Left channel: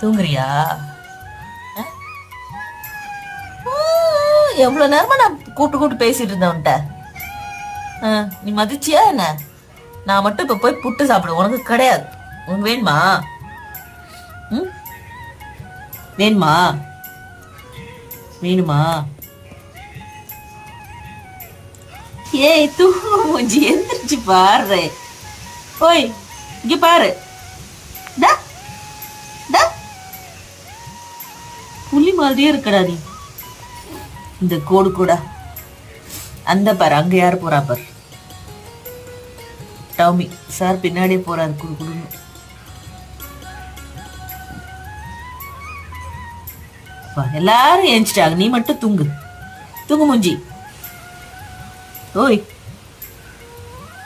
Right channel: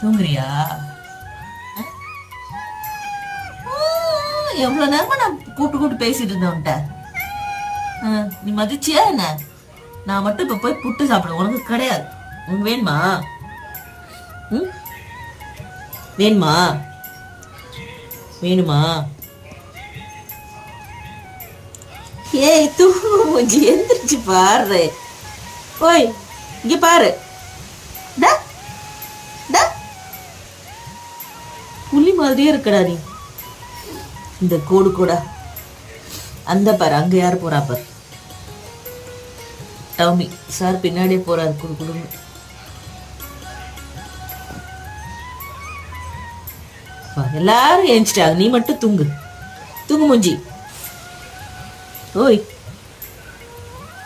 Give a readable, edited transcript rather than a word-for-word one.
தூங்குறியா? எவ்வளவு நேரமா நான் கூப்பிட்டு பேசிட்டு இருந்தேன்ட்ட. நீ மதிச்சியா என்ன? நான் மட்டும் இப்ப போய் புட்டு சாப்பிடுவேன், உனக்கு கிடையாது. உனக்கு வேணுமா? வேணுமா? வேணுமா? ஏய் தூங்கு மூஞ்சி, எந்திரிச்சு பாரு. போய் இங்க பாரு. புள்ளி மாதிரியே இருக்கடா நீ. இந்த கோடு கூட அந்த பாரு, அங்க யாரு போறா பாரு. டவுமி சார் பின்னாடியே போறாரு. குடு எல்லாரும் ஏஞ்சிட்டாங்க, நீ மட்டும் தூங்கு. தூங்கு மூஞ்சி. ஓய்.